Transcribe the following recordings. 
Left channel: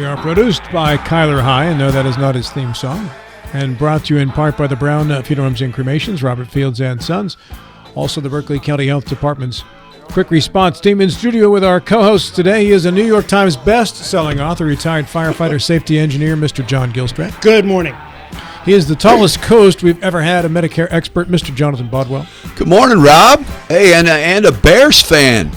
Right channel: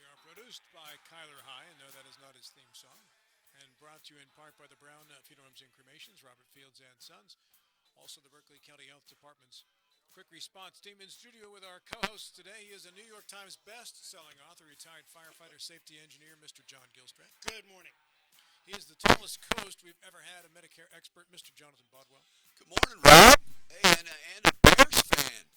We are produced by Kyler High, and no, that is not his theme song, and brought to you in part by the Brown Funeral Homes and Cremations, Robert Fields and Sons, also the Berkeley County Health Department's quick response team. In studio with our co-host today, he is a New York Times best-selling author, retired firefighter safety engineer, Mr. John Gilstrap. Good morning. He is the tallest coast we've ever had, a Medicare expert, Mr. Jonathan Bodwell. Good morning, Rob. Hey, and a Bears fan.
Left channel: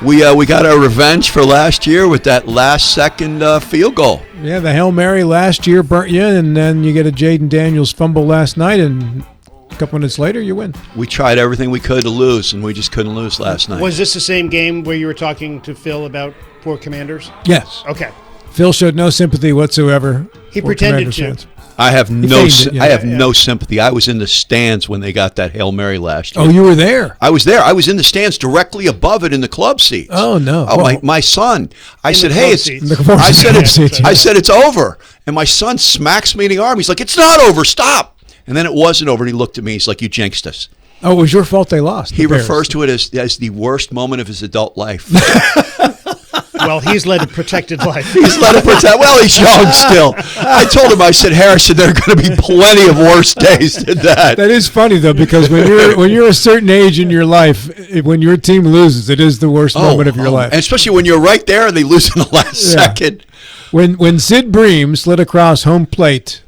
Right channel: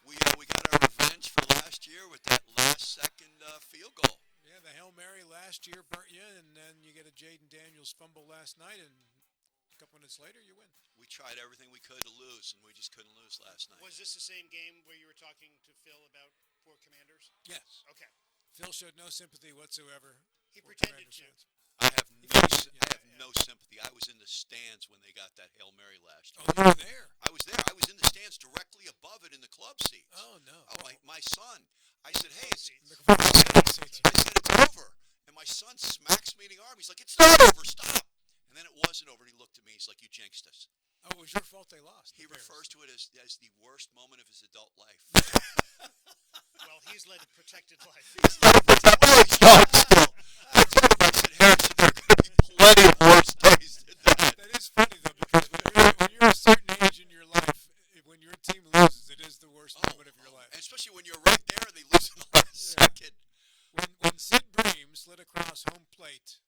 We got our revenge for last year with that last-second field goal. Yeah, the Hail Mary last year burnt you, and then you get a Jaden Daniels fumble last night, and a couple minutes later, you win. We tried everything we could to lose, and we just couldn't lose last night. Was this the same game where you were talking to Phil about poor Commanders? Yes. Okay. Phil showed no sympathy whatsoever. He pretended Commanders to. fans. I have no sympathy. I was in the stands when they got that Hail Mary last year. Oh, you were there? I was there. I was in the stands directly above it in the club seats. Oh, no. Oh, my son. I said, hey, I said, it's over. And my son smacks me in the arm. He's like, it's not over. Stop. And then it wasn't over. And he looked at me. He's like, you jinxed us. Oh, it was your fault they lost. He refers to it as the worst moment of his adult life. Well, he's led a protected life. Well, he's young still. I told him, I said, Harrison, there are going to be plenty of worse days than that. That is funny, though, because when you're a certain age in your life, when your team loses, it is the worst moment of your life. And especially when you're right there and they lose in the last second. When Sid Bream slid across home plate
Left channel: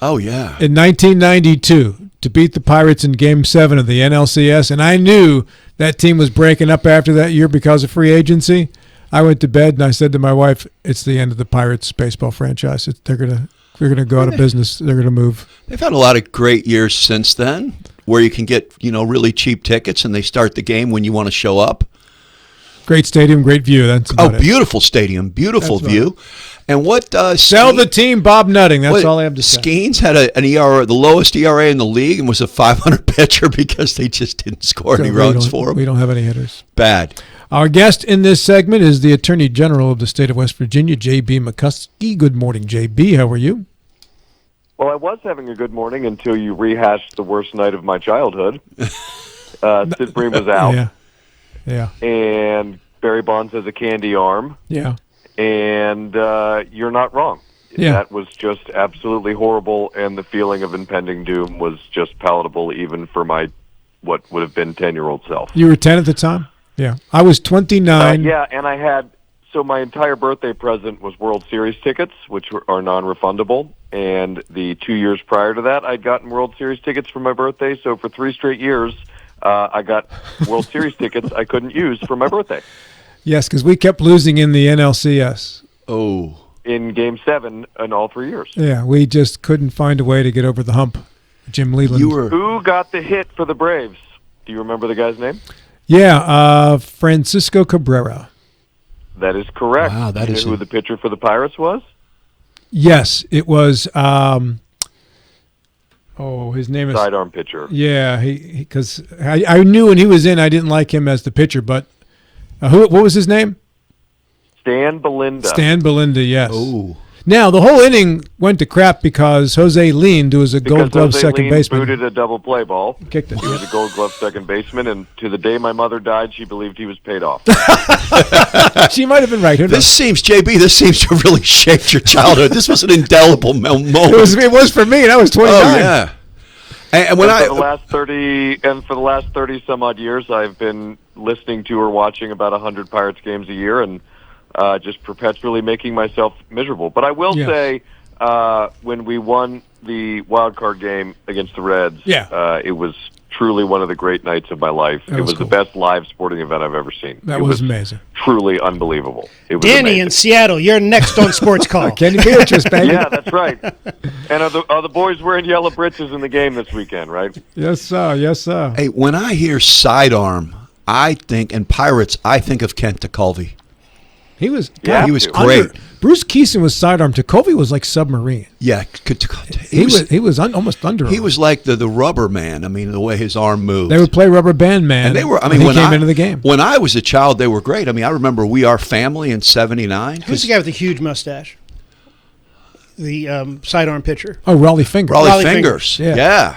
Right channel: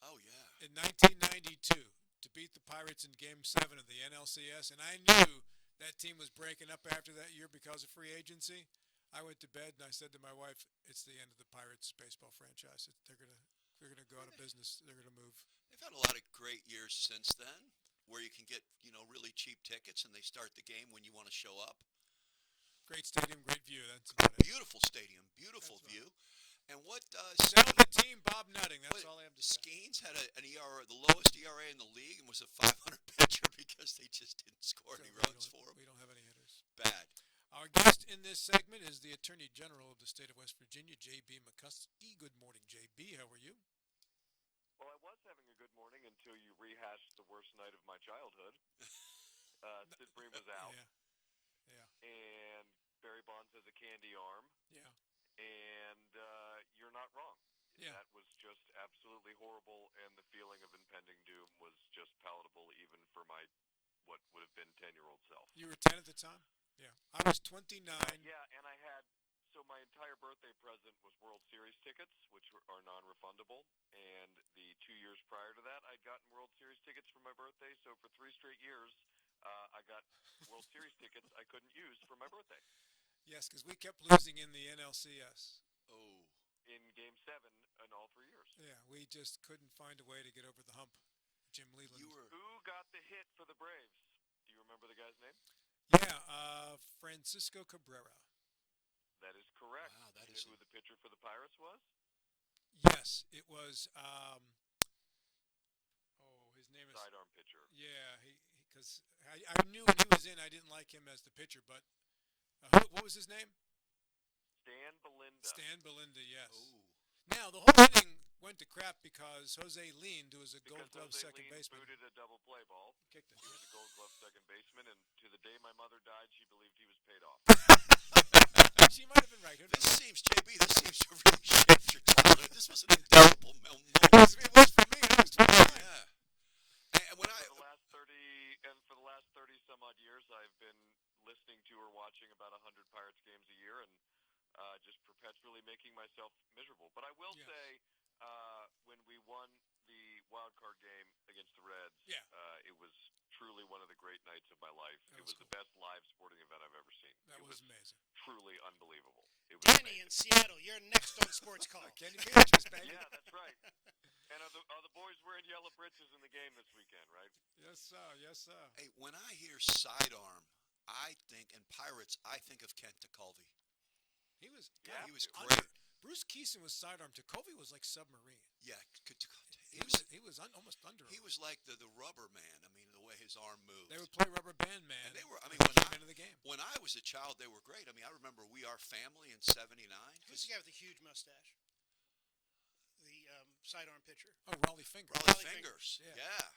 in 1992 to beat the Pirates in Game 7 of the NLCS, and I knew that team was breaking up after that year because of free agency, I went to bed and I said to my wife, it's the end of the Pirates baseball franchise. They're gonna go out of business. They're gonna move. They've had a lot of great years since then where you can get, really cheap tickets and they start the game when you want to show up. Great stadium, great view. That's about it. Beautiful stadium, beautiful view. And what sell the team, Bob Nutting. That's all I have to say. Skeens had an ERA, the lowest ERA in the league, and was a 500 pitcher because they just didn't score any runs for him. We don't have any hitters. Bad. Our guest in this segment is the Attorney General of the state of West Virginia, J.B. McCuskey. Good morning, J.B. How are you? Well, I was having a good morning until you rehashed the worst night of my childhood. Sid Bream was out. Yeah. And Barry Bonds has a candy arm. Yeah. And you're not wrong. Yeah. That was just absolutely horrible, and the feeling of impending doom was just palatable even for my what would have been 10-year-old self. You were 10 at the time? Yeah. I was 29. And so my entire birthday present was World Series tickets, which are non-refundable. And the 2 years prior to that, I'd gotten World Series tickets for my birthday. So for 3 straight years, I got World Series tickets I couldn't use for my birthday. Yes, because we kept losing in the NLCS. Oh. In Game 7 in all 3 years. Yeah, we just couldn't find a way to get over the hump. Jim Leland. Who got the hit for the Braves? Do you remember the guy's name? Yeah, Francisco Cabrera. That is correct. Wow, that is who the pitcher for the Pirates was? Yes, it was. His name is Sidearm pitcher. Yeah, because I knew when he was in, I didn't like him as the pitcher, but what was his name? Stan Belinda. Stan Belinda, yes. Oh. Now, the whole inning went to crap because Jose Lind, who was a Gold Glove second baseman, booted a double play ball. Kicked it. He was a Gold Glove second baseman, and to the day my mother died, she believed he was paid off. She might have been right. Who knows? This seems to have really shaped your childhood. This was an indelible moment. It was for me, and I was 29. Oh, yeah. And for the last 30 some odd years, I've been listening to or watching about 100 Pirates games a year, and just perpetually making myself miserable. But I will say, when we won the wild card game against the Reds, it was truly one of the great nights of my life. It was the best live sporting event I've ever seen. That was amazing. Truly unbelievable. It was Danny amazing. in Seattle, you're next on Sports Call. Kenny Beatrice, baby. Yeah, that's right. And are the boys wearing yellow breeches in the game this weekend, right? Yes, sir. Yes, sir. Hey, when I hear sidearm, and Pirates, I think of Kent TeCulvey. He was great. Bruce Keeson was sidearm. TeCulvey was like submarine. Yeah, he was almost under. He was like the rubber man. I mean, the way his arm moved. They would play Rubber Band Man. And they were. when he came into the game. When I was a child, they were great. I mean, I remember We Are Family in '79. Who's the guy with the huge mustache? The sidearm pitcher. Oh, Raleigh Fingers. Raleigh Fingers. Yeah.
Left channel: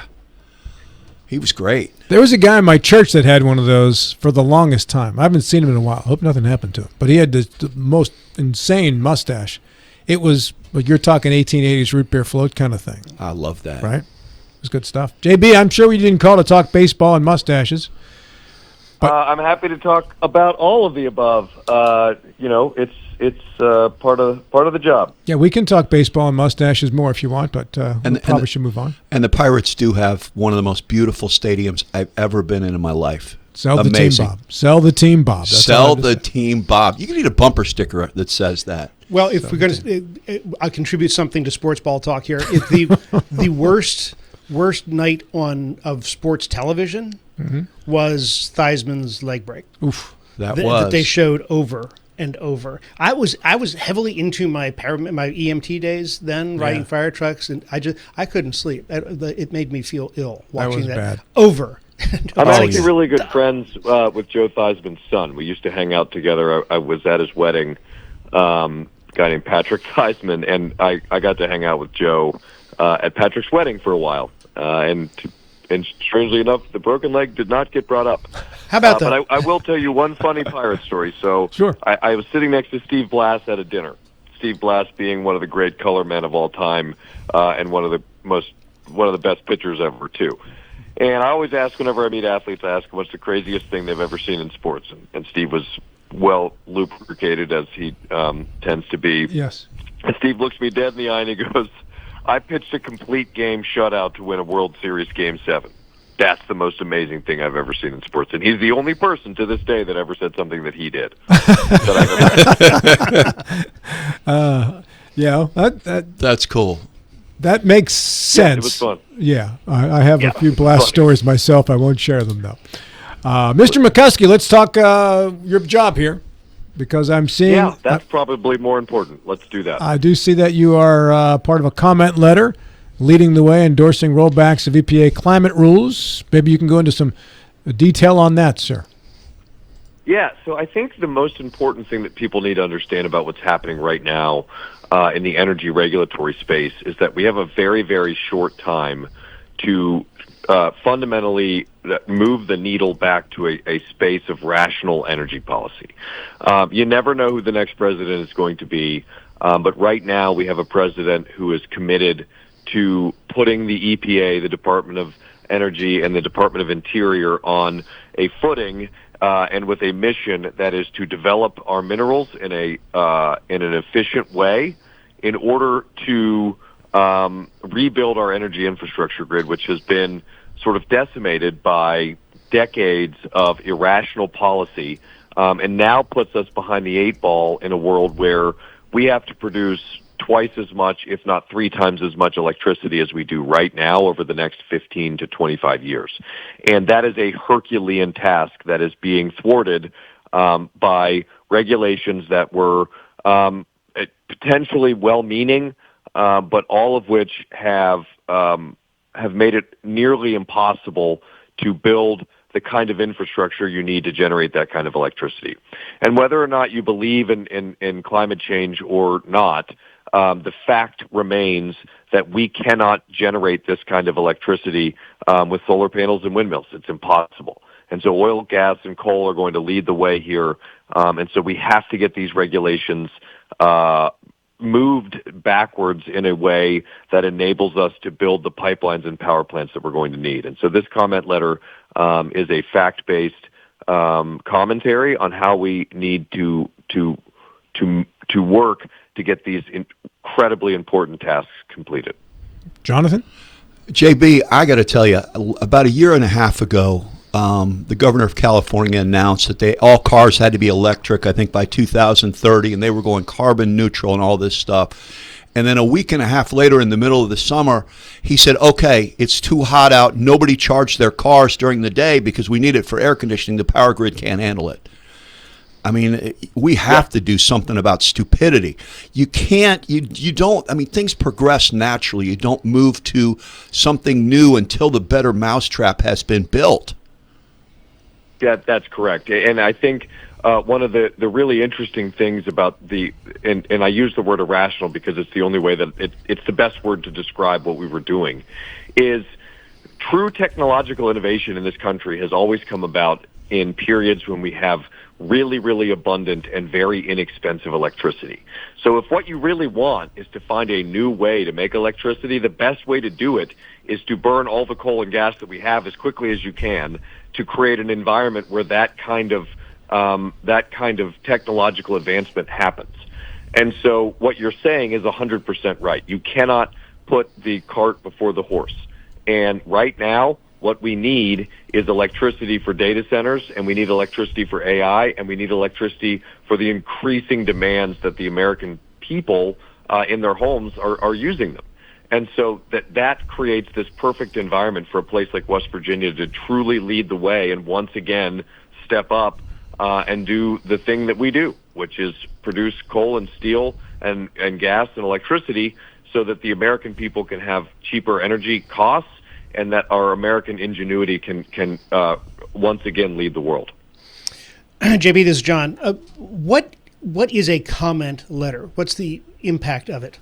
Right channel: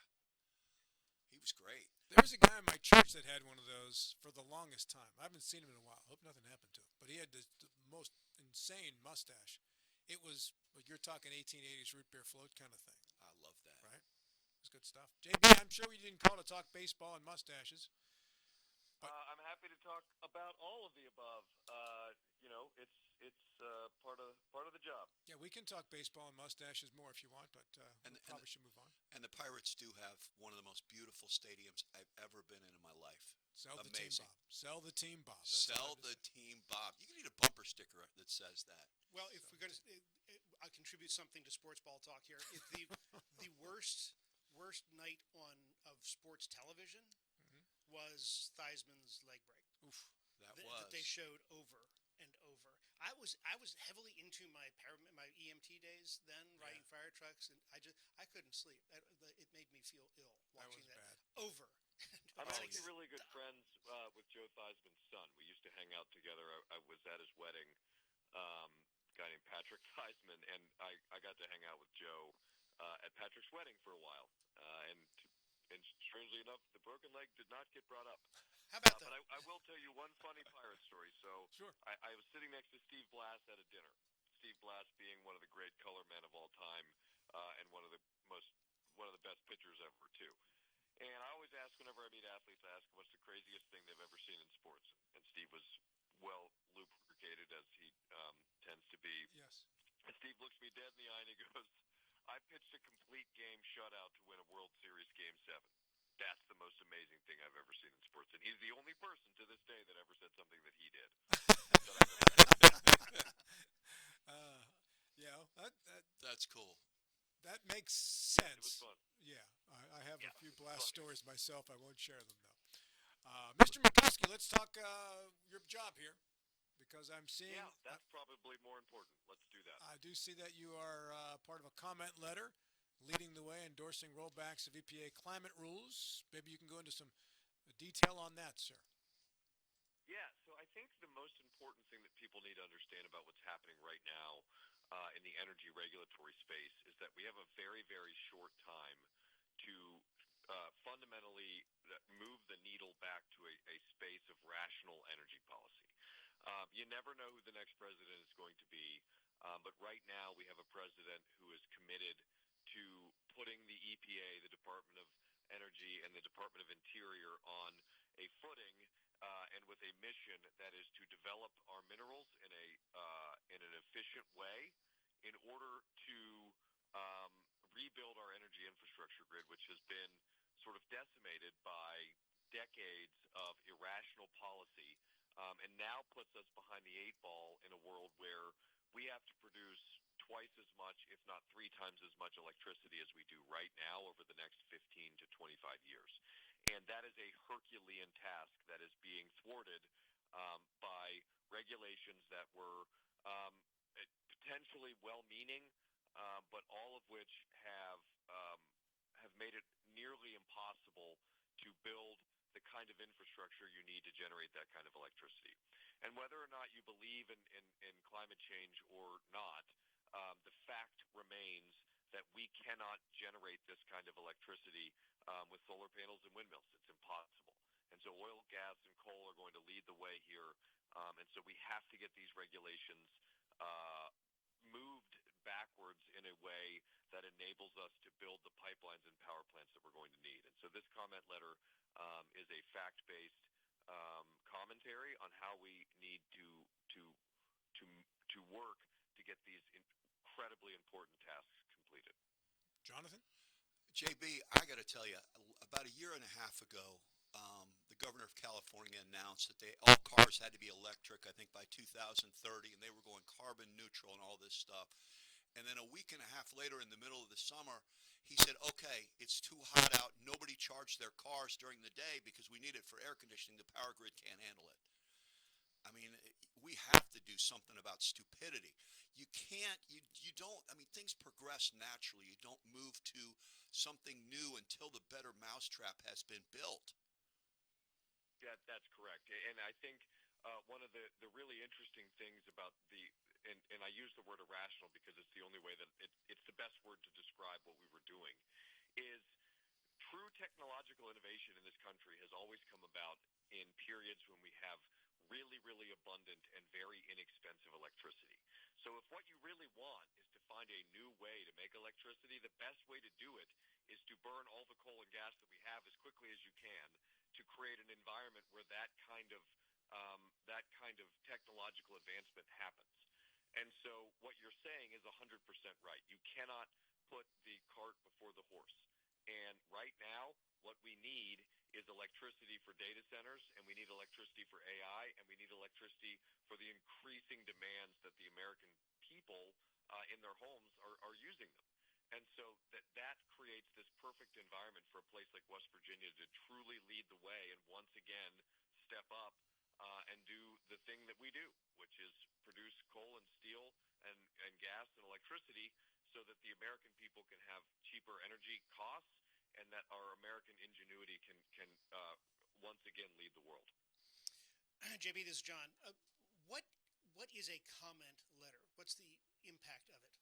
He was great. There was a guy in my church that had one of those for the longest time. I haven't seen him in a while. I hope nothing happened to him. But he had the most insane mustache. it was, but you're talking 1880s root beer float kind of thing. I love that. Right? It was good stuff. JB, I'm sure we didn't call to talk baseball and mustaches. I'm happy to talk about all of the above. It's part of the job. Yeah, we can talk baseball and mustaches more if you want, but we probably should move on. And the Pirates do have one of the most beautiful stadiums I've ever been in my life. Sell the team, Bob. Sell the team, Bob. Sell the team, Bob. You can need a bumper sticker that says that. Well, if we're going to, I contribute something to sports ball talk here. If the worst night of sports television was Theismann's leg break. Oof, that they showed over and over. I was heavily into my EMT days then, riding fire trucks, and I couldn't sleep. It made me feel ill watching that bad. Over. I'm actually really good friends with Joe Theismann's son. We used to hang out together. I was at his wedding, a guy named Patrick Theismann, and I got to hang out with Joe at Patrick's wedding for a while. And strangely enough, the broken leg did not get brought up. How about that? But I will tell you one funny pirate story. So sure. I was sitting next to Steve Blass at a dinner. Steve Blass being one of the great color men of all time, and one of the best pitchers ever too. And I always ask whenever I meet athletes, I ask them what's the craziest thing they've ever seen in sports. And Steve was well lubricated, as he tends to be. Yes. And Steve looks me dead in the eye and he goes, I pitched a complete game shutout to win a World Series Game 7. That's the most amazing thing I've ever seen in sports. And he's the only person to this day that ever said something that he did. That's cool. That makes sense. Yeah, it was fun. Yeah, I have a few blast stories myself. I won't share them, though. Mr. McCuskey, let's talk your job here, because I'm seeing... Yeah, that's probably more important. Let's do that. I do see that you are part of a comment letter leading the way, endorsing rollbacks of EPA climate rules. Maybe you can go into some detail on that, sir. Yeah, so I think the most important thing that people need to understand about what's happening right now in the energy regulatory space is that we have a very, very short time to fundamentally move the needle back to a space of rational energy policy. You never know who the next president is going to be, but right now we have a president who is committed to putting the EPA, the Department of Energy, and the Department of Interior on a footing and with a mission that is to develop our minerals in an efficient way in order to rebuild our energy infrastructure grid, which has been sort of decimated by decades of irrational policy, and now puts us behind the eight ball in a world where we have to produce twice as much, if not 3 times as much electricity as we do right now over the next 15 to 25 years. And that is a Herculean task that is being thwarted by regulations that were potentially well-meaning, but all of which have made it nearly impossible to build the kind of infrastructure you need to generate that kind of electricity. And whether or not you believe in climate change or not, the fact remains that we cannot generate this kind of electricity with solar panels and windmills. It's impossible. And so oil, gas, and coal are going to lead the way here. And so we have to get these regulations moved backwards in a way that enables us to build the pipelines and power plants that we're going to need. And so this comment letter is a fact-based commentary on how we need to work to get these incredibly important tasks completed. Jonathan? JB, I got to tell you, about a year and a half ago, the governor of California announced that all cars had to be electric, I think, by 2030, and they were going carbon neutral and all this stuff. And then a week and a half later, in the middle of the summer, he said, okay, it's too hot out. Nobody charged their cars during the day because we need it for air conditioning. The power grid can't handle it. I mean, we have to do something about stupidity. You can't, you don't, I mean, things progress naturally. You don't move to something new until the better mousetrap has been built. Yeah, that's correct. And I think one of the really interesting things about and I use the word irrational because it's the only way that it's the best word to describe what we were doing, is true technological innovation in this country has always come about in periods when we have really, really abundant and very inexpensive electricity. So if what you really want is to find a new way to make electricity, the best way to do it is to burn all the coal and gas that we have as quickly as you can to create an environment where that kind of technological advancement happens. And so what you're saying is 100% right. You cannot put the cart before the horse. And right now, what we need is electricity for data centers, and we need electricity for AI, and we need electricity for the increasing demands that the American people in their homes are using them. And so that creates this perfect environment for a place like West Virginia to truly lead the way and once again step up and do the thing that we do, which is produce coal and steel and gas and electricity so that the American people can have cheaper energy costs and that our American ingenuity can once again lead the world. JB, this is John. What is a comment letter? What's the impact of it?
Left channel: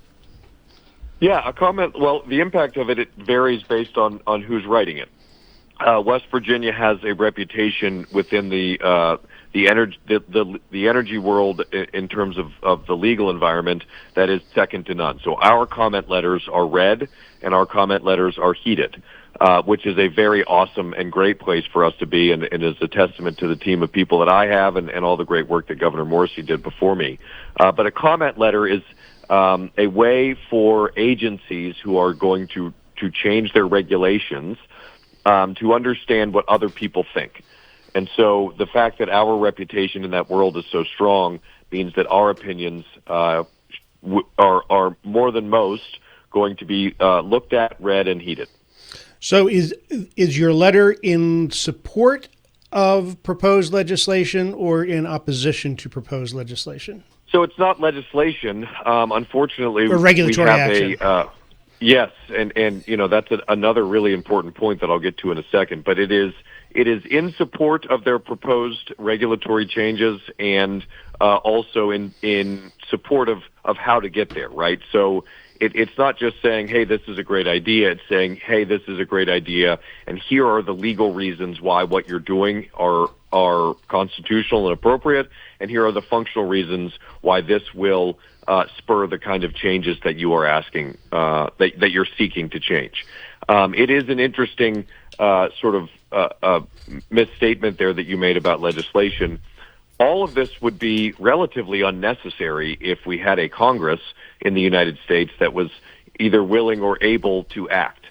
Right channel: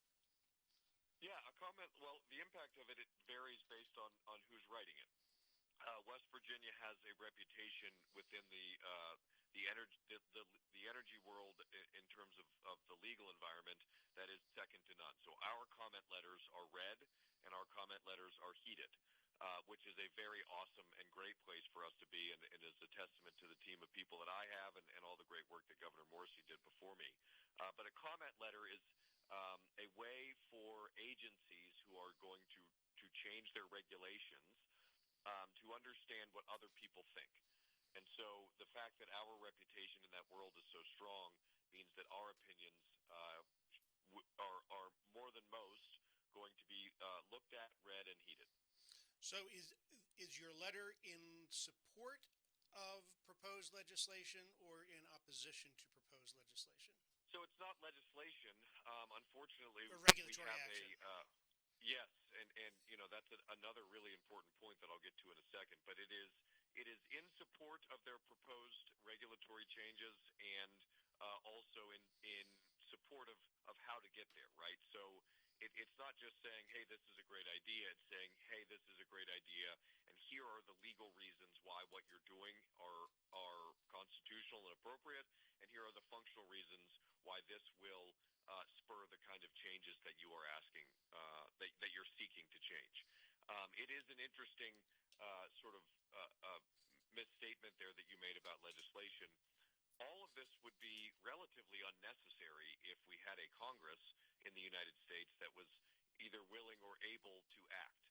Yeah, a comment. Well, the impact of it varies based on who's writing it. West Virginia has a reputation within the energy world in terms of the legal environment that is second to none. So our comment letters are read and our comment letters are heeded, which is a very awesome and great place for us to be, and is a testament to the team of people that I have and all the great work that Governor Morrissey did before me. But a comment letter is a way for agencies who are going to change their regulations to understand what other people think. And so the fact that our reputation in that world is so strong means that our opinions are more than most going to be looked at, read, and heeded. So is your letter in support of proposed legislation or in opposition to proposed legislation? So it's not legislation. Unfortunately, or regulatory we have action. Yes, and that's another really important point that I'll get to in a second. But it is in support of their proposed regulatory changes and also in support of how to get there, right? So it's not just saying, hey, this is a great idea. It's saying, hey, this is a great idea, and here are the legal reasons why what you're doing are constitutional and appropriate, and here are the functional reasons why this will spur the kind of changes that you are asking, that you're seeking to change. It is an interesting sort of misstatement there that you made about legislation. All of this would be relatively unnecessary if we had a Congress in the United States that was either willing or able to act.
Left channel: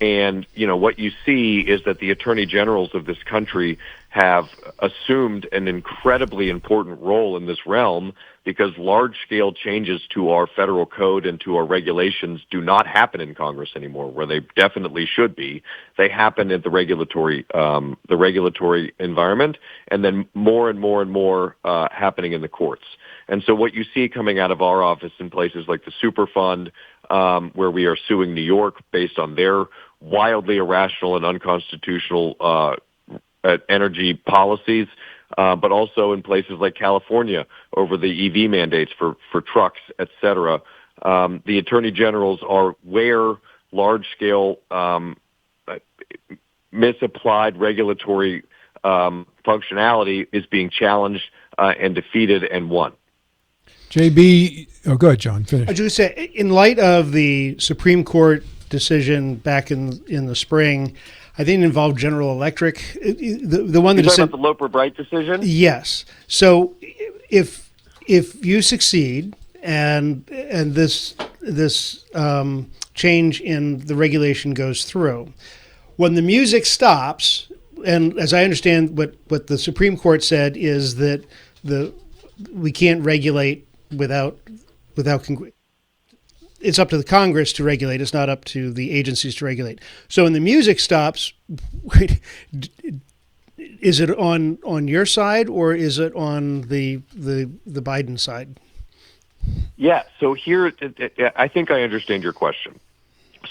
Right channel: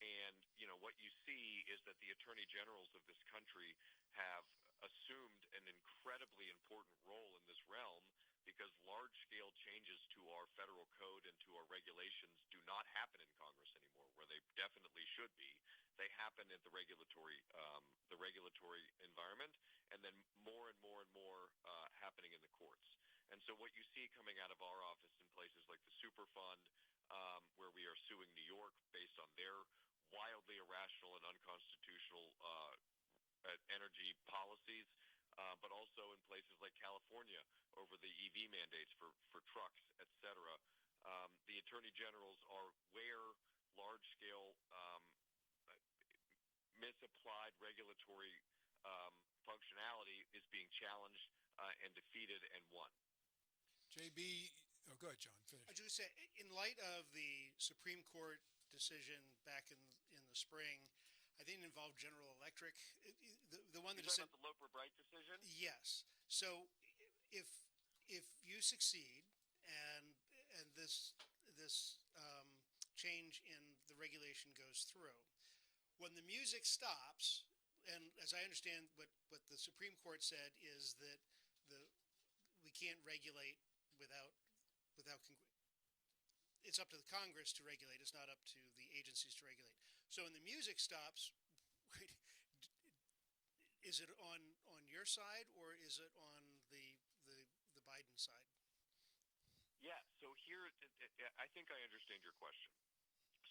And, what you see is that the attorney generals of this country have assumed an incredibly important role in this realm because large-scale changes to our federal code and to our regulations do not happen in Congress anymore, where they definitely should be. They happen at the regulatory environment, and then more and more and more happening in the courts. And so what you see coming out of our office in places like the Superfund, where we are suing New York based on their wildly irrational and unconstitutional energy policies, but also in places like California over the EV mandates for trucks, et cetera. The attorney generals are where large-scale misapplied regulatory functionality is being challenged and defeated and won. JB, go ahead, John. Finish. I was just say, in light of the Supreme Court decision back in the spring, I think it involved General Electric. The one that You're talking about the Loper-Bright decision? Yes. So if you succeed and this change in the regulation goes through, when the music stops, and as I understand what the Supreme Court said is that we can't regulate without it's up to the Congress to regulate. It's not up to the agencies to regulate. So when the music stops, is it on your side or is it on the Biden side? Yeah. So here, I think I understand your question.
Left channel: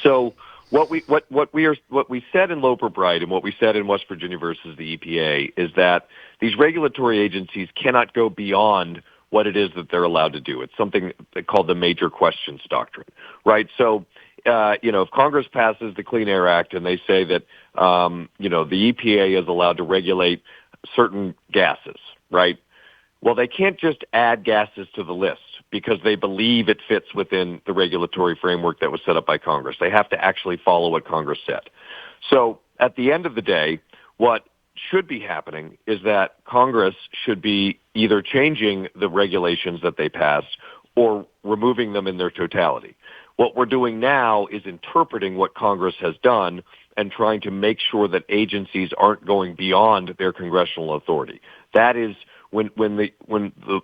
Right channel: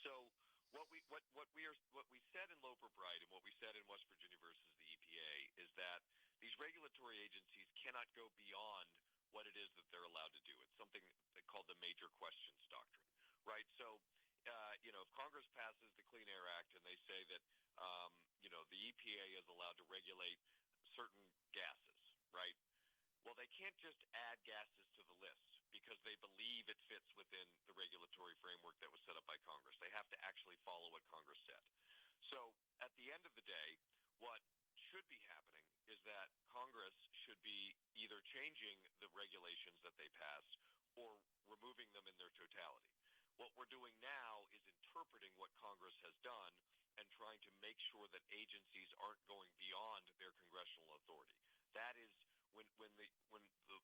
So what we said in Loper-Bright and what we said in West Virginia versus the EPA is that these regulatory agencies cannot go beyond what it is that they're allowed to do. It's something called the major questions doctrine, right? So, if Congress passes the Clean Air Act and they say that, the EPA is allowed to regulate certain gases, right? Well, they can't just add gases to the list because they believe it fits within the regulatory framework that was set up by Congress. They have to actually follow what Congress said. So at the end of the day, what should be happening is that Congress should be either changing the regulations that they passed or removing them in their totality. What we're doing now is interpreting what Congress has done and trying to make sure that agencies aren't going beyond their congressional authority. That is when the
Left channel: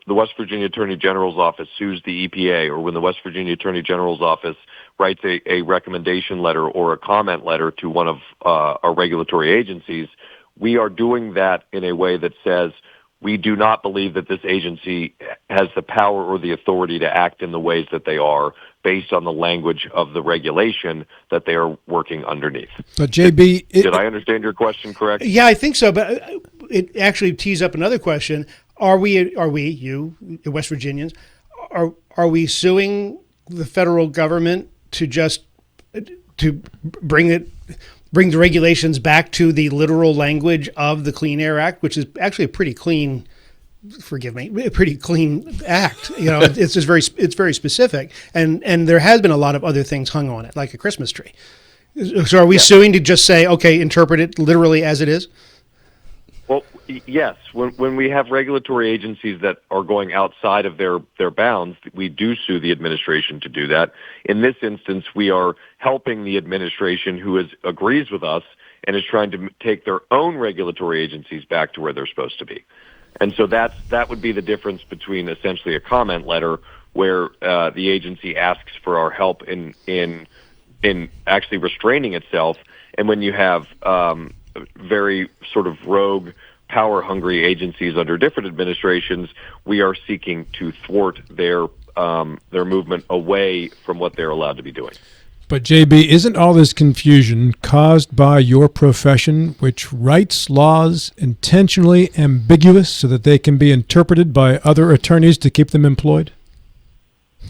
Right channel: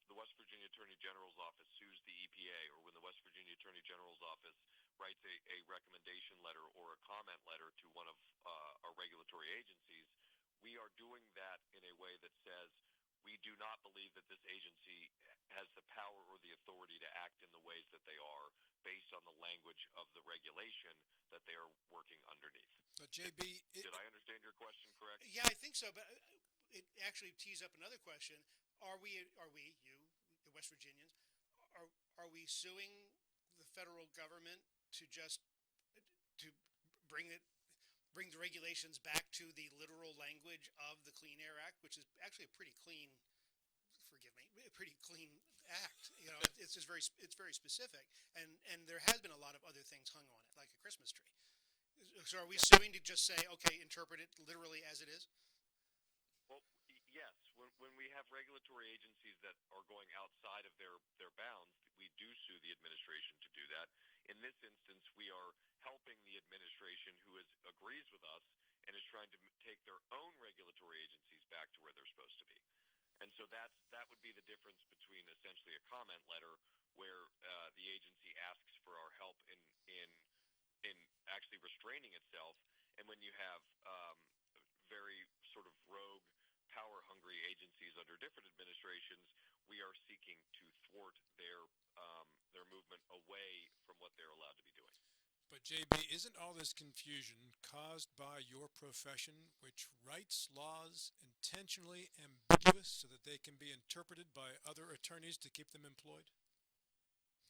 West Virginia Attorney General's office sues the EPA, or when the West Virginia Attorney General's office writes a recommendation letter or a comment letter to one of our regulatory agencies, we are doing that in a way that says we do not believe that this agency has the power or the authority to act in the ways that they are based on the language of the regulation that they are working underneath. But JB, did I understand your question correct? Yeah, I think so. But it actually tees up another question. Are we, you, the West Virginians, are we suing the federal government to bring the regulations back to the literal language of the Clean Air Act, which is actually a pretty clean, a pretty clean act. It's just very specific, and there has been a lot of other things hung on it, like a Christmas tree. So are we suing to just say, okay, interpret it literally as it is? Well, yes. When we have regulatory agencies that are going outside of their bounds, we do sue the administration to do that. In this instance, we are helping the administration who agrees with us and is trying to take their own regulatory agencies back to where they're supposed to be. And so that would be the difference between essentially a comment letter where the agency asks for our help in actually restraining itself, and when you have very sort of rogue, power-hungry agencies under different administrations, we are seeking to thwart their movement away from what they're allowed to be doing. But JB, isn't all this confusion caused by your profession, which writes laws intentionally ambiguous so that they can be interpreted by other attorneys to keep them employed?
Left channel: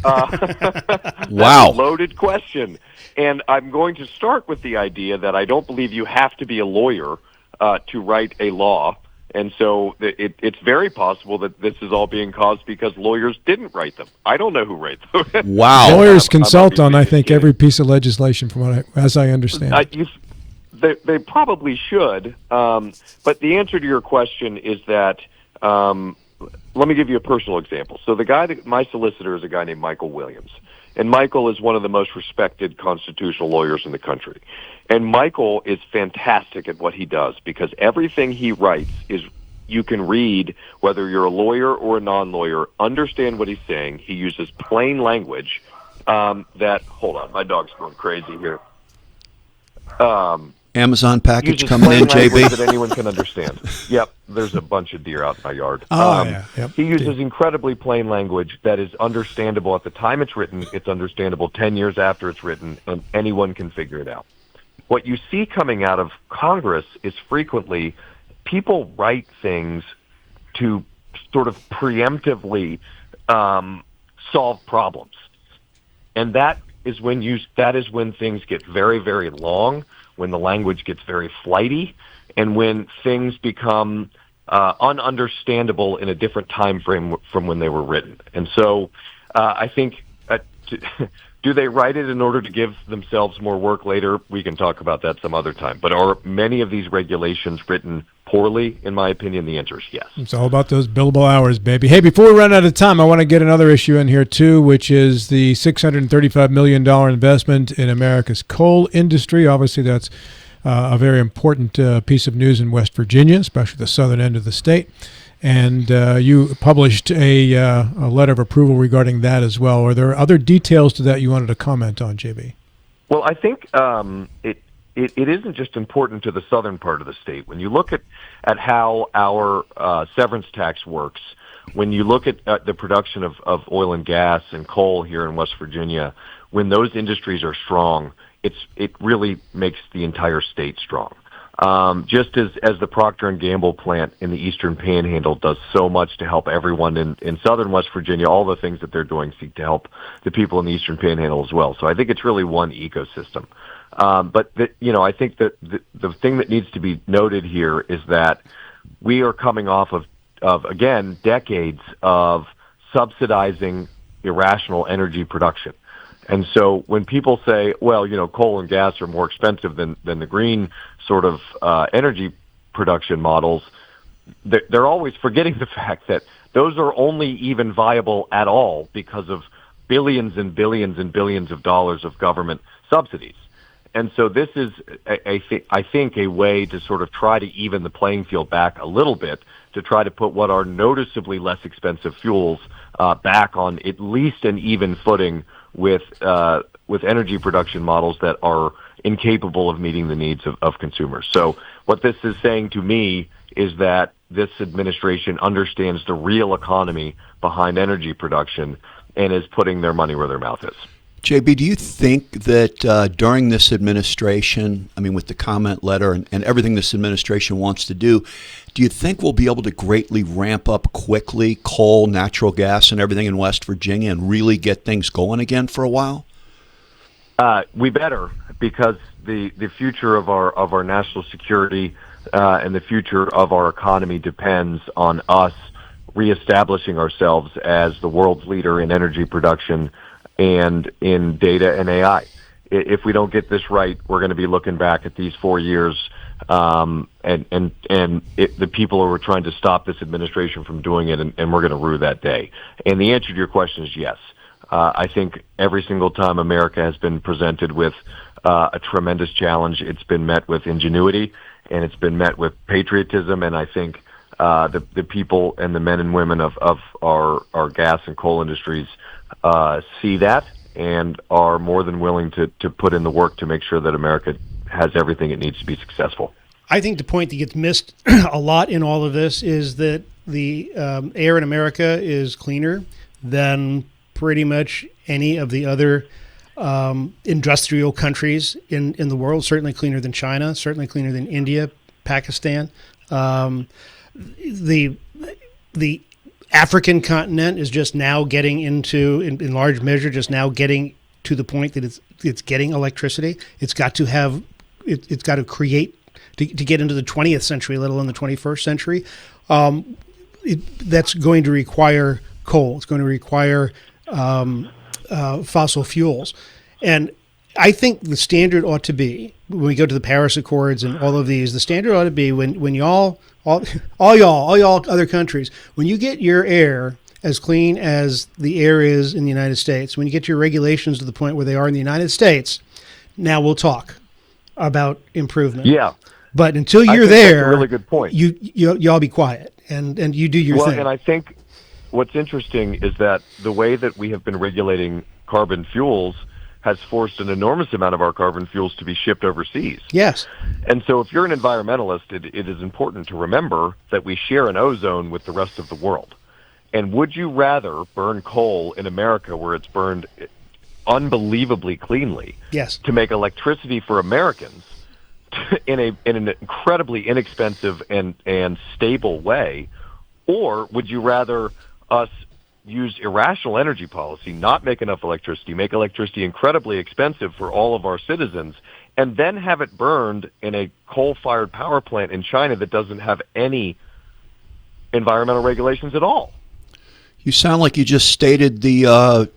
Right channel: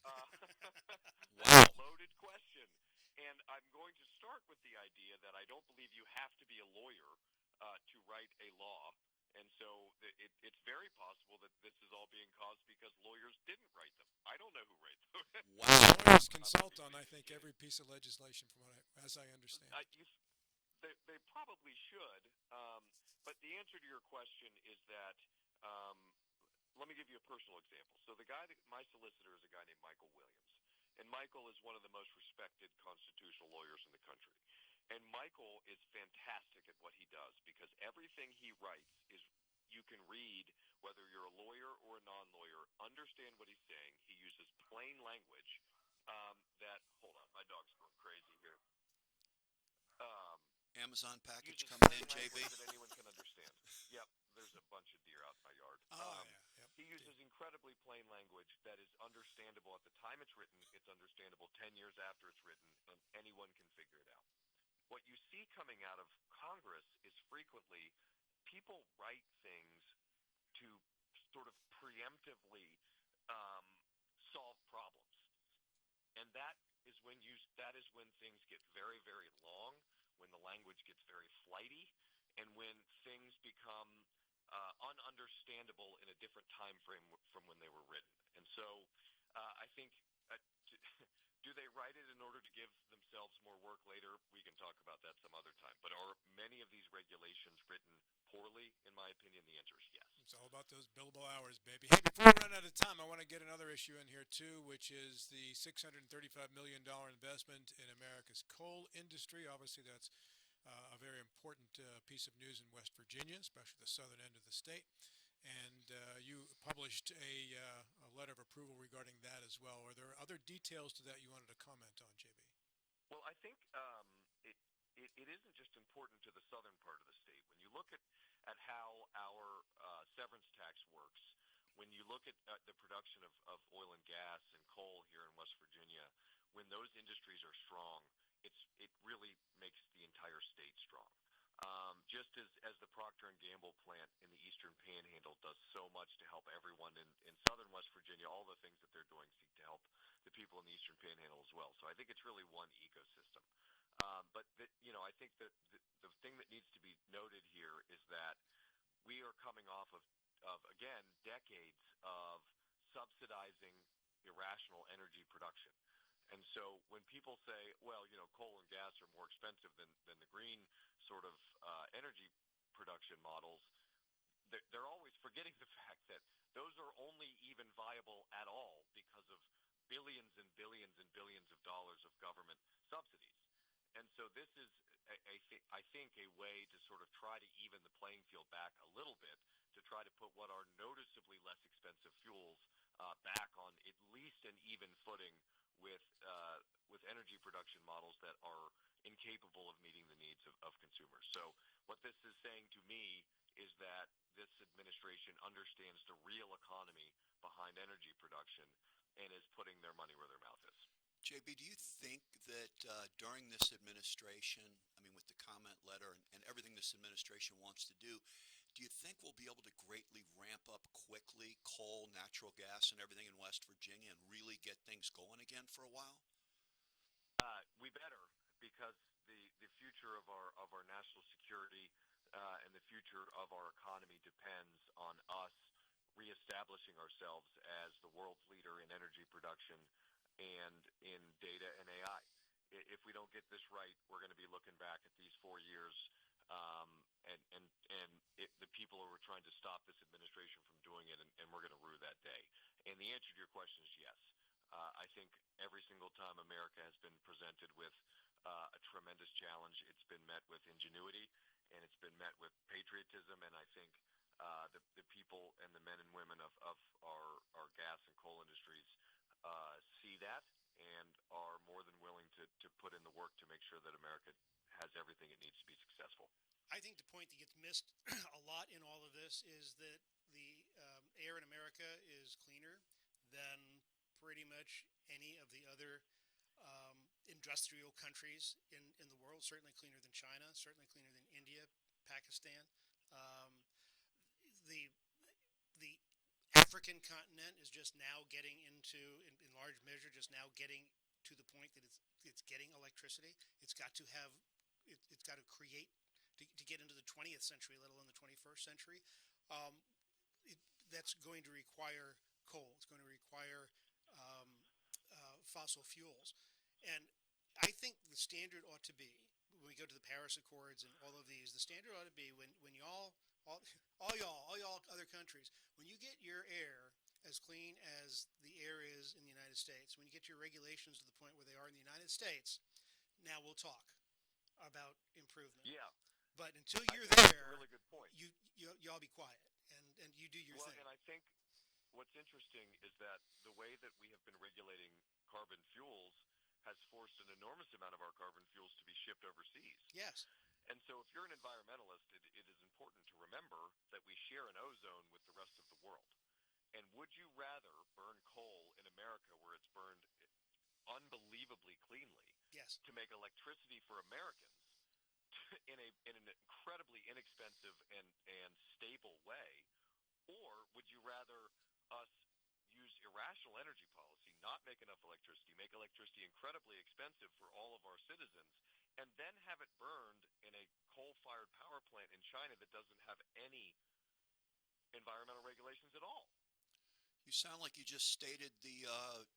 Wow. That's a loaded question. And I'm going to start with the idea that I don't believe you have to be a lawyer to write a law. And so it's very possible that this is all being caused because lawyers didn't write them. I don't know who wrote them. Wow. Lawyers consult on, I think, every piece of legislation from as I understand it. They probably should. But the answer to your question is that, let me give you a personal example. So my solicitor is a guy named Michael Williams. And Michael is one of the most respected constitutional lawyers in the country. And Michael is fantastic at what he does because everything he writes is you can read, whether you're a lawyer or a non-lawyer, understand what he's saying. He uses plain language hold on, my dog's going crazy here. Amazon package uses coming in, plain language JB. that anyone can understand. Yep, there's a bunch of deer out in my yard. Yeah. Yep. He uses incredibly plain language that is understandable at the time it's written. It's understandable 10 years after it's written, and anyone can figure it out. What you see coming out of Congress is frequently people write things to sort of preemptively solve problems, and that is when things get very, very long, when the language gets very flighty, and when things become ununderstandable in a different time frame from when they were written. And so I think, do they write it in order to give themselves more work later? We can talk about that some other time. But are many of these regulations written poorly? In my opinion, the answer is yes. It's all about those billable hours, baby. Hey, before we run out of time, I want to get another issue in here, too, which is the $635 million investment in America's coal industry. Obviously, that's a very important piece of news in West Virginia, especially the southern end of the state. And you published a letter of approval regarding that as well. Are there other details to that you wanted to comment on, JB? Well, I think it isn't just important to the southern part of the state. When you look at how our severance tax works, when you look at the production of oil and gas and coal here in West Virginia, when those industries are strong, it really makes the entire state strong. Just as the Procter & Gamble plant in the Eastern Panhandle does so much to help everyone in southern West Virginia, all the things that they're doing seek to help the people in the Eastern Panhandle as well. So I think it's really one ecosystem. But I think that the thing that needs to be noted here is that we are coming off of again, decades of subsidizing irrational energy production. And so when people say, well, coal and gas are more expensive than the green sort of energy production models, they're always forgetting the fact that those are only even viable at all because of billions and billions and billions of dollars of government subsidies. And so this is, I think, a way to sort of try to even the playing field back a little bit, to try to put what are noticeably less expensive fuels back on at least an even footing with energy production models that are incapable of meeting the needs of consumers. So what this is saying to me is that this administration understands the real economy behind energy production and is putting their money where their mouth is. JB, do you think that during this administration, with the comment letter and everything this administration wants to do you think we'll be able to greatly ramp up quickly coal, natural gas, and everything in West Virginia and really get things going again for a while? We better, because the future of our national security and the future of our economy depends on us reestablishing ourselves as the world's leader in energy production and in data and AI. If we don't get this right, we're going to be looking back at these 4 years, and the people who are trying to stop this administration from doing it, and we're going to rue that day. And the answer to your question is yes. I think every single time America has been presented with a tremendous challenge, it's been met with ingenuity, and it's been met with patriotism, and I think the people and the men and women of our gas and coal industries see that and are more than willing to put in the work to make sure that America has everything it needs to be successful. I think the point that gets missed a lot in all of this is that the air in America is cleaner than pretty much any of the other industrial countries in the world, certainly cleaner than China, certainly cleaner than India, Pakistan. The African continent is just now getting into, in large measure, just now getting to the point that it's getting electricity. It's got to have, it's got to create, to get into the 20th century, let alone the 21st century. That's going to require coal. It's going to require fossil fuels. And I think the standard ought to be, when we go to the Paris Accords and all of these, the standard ought to be when y'all, all y'all other countries, when you get your air as clean as the air is in the United States, when you get your regulations to the point where they are in the United States, now we'll talk about improvement. Yeah. But until you're there, that's a really good point. Y'all be quiet and you do your thing. And I think what's interesting is that the way that we have been regulating carbon fuels has forced an enormous amount of our carbon fuels to be shipped overseas. Yes. And so if you're an environmentalist, it is important to remember that we share an ozone with the rest of the world. And would you rather burn coal in America where it's burned unbelievably cleanly, yes, to make electricity for Americans in an incredibly inexpensive and stable way, or would you rather us use irrational energy policy, not make enough electricity, make electricity incredibly expensive for all of our citizens, and then have it burned in a coal-fired power plant in China that doesn't have any environmental regulations at all? You sound like you just stated the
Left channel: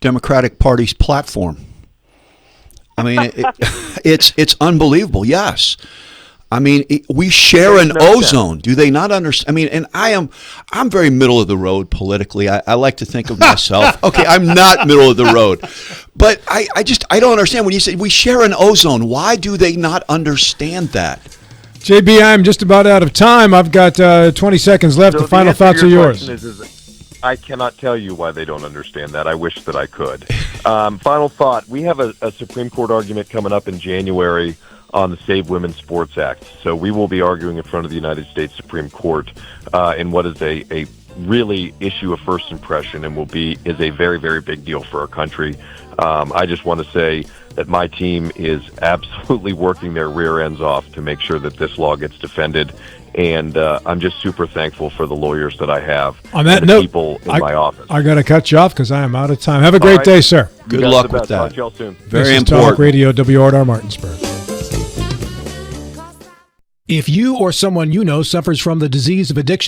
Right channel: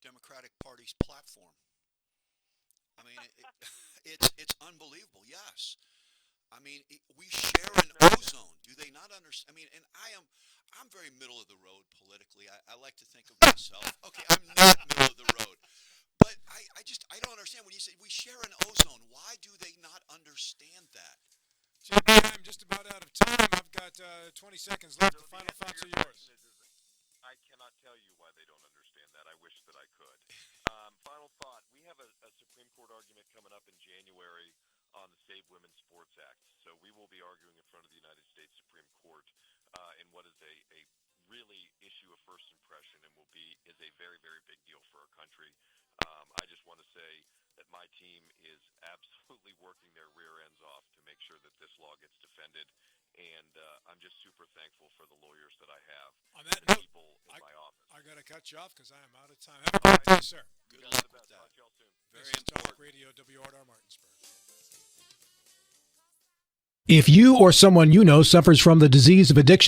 Democratic Party's platform. I mean, it's unbelievable. Yes. I mean, we share an ozone. Do they not understand? I mean, and I'm very middle of the road politically. I like to think of myself. Okay, I'm not middle of the road, but I don't understand when you say we share an ozone. Why do they not understand that? JB, I'm just about out of time. I've got 20 seconds left. So the final thoughts are yours. I cannot tell you why they don't understand that. I wish that I could. Final thought. We have a Supreme Court argument coming up in January on the Save Women's Sports Act. So we will be arguing in front of the United States Supreme Court in what is a really issue of first impression and is a very, very big deal for our country. I just want to say that my team is absolutely working their rear ends off to make sure that this law gets defended. And I'm just super thankful for the lawyers that I have. On that and the note, people in my office. I got to cut you off because I am out of time. Have a great day, sir. Good luck with that. Talk to y'all soon. Very this is important. Talk Radio WRR Martinsburg. If you or someone you know suffers from the disease of addiction,